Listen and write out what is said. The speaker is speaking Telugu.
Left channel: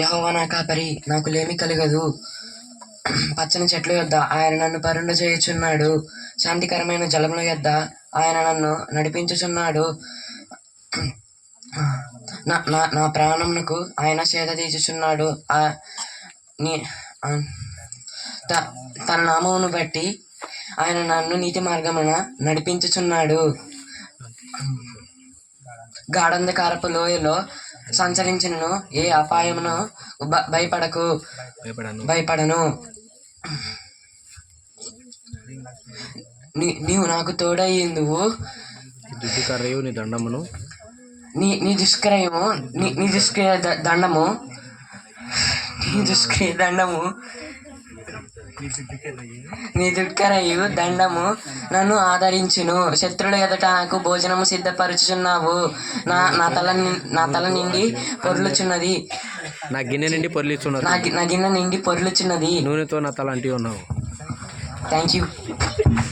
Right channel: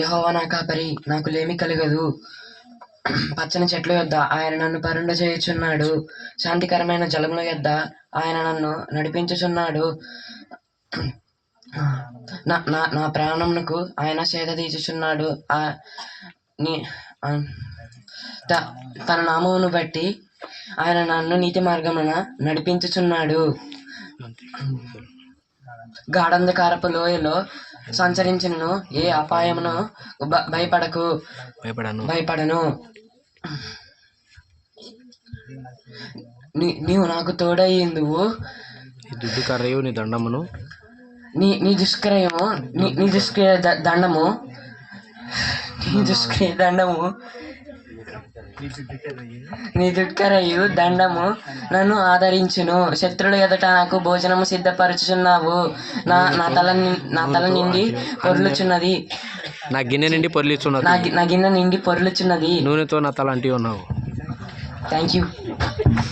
యెహోవా నా కాపరి, నాకు లేమి కలగదు. పచ్చని చెట్ల యొద్ద ఆయన నన్ను పరుండజేయుచున్నాడు. శాంతికరమైన జలముల యొద్ద ఆయన నన్ను నడిపించుచున్నాడు. నా నా నా ప్రాణమునకు ఆయన సేద తీర్చుచున్నాడు. తన నామమును బట్టి ఆయన నన్ను నీతి మార్గమున నడిపించుచున్నాడు. గాఢంధకారపు లోయలో సంచరించినను ఏ అపాయమును భయపడను. నీవు నాకు తోడయ్యిందువు. దుడ్డు కర్రయు నీ దండమును నీ దుష్క్రియము నీ దుష్క్రియ దండము నీ దుడ్కరయు దండము నన్ను ఆదరించును. శత్రుల ఎదుట నాకు భోజనము సిద్ధపరచుచున్నావు. నా తల నిండి పొర్లుచున్నది. నా గిన్నె నిండి పొర్లుచున్నది. నూనెతో నా తల అంటి ఉన్నావు. Thank you.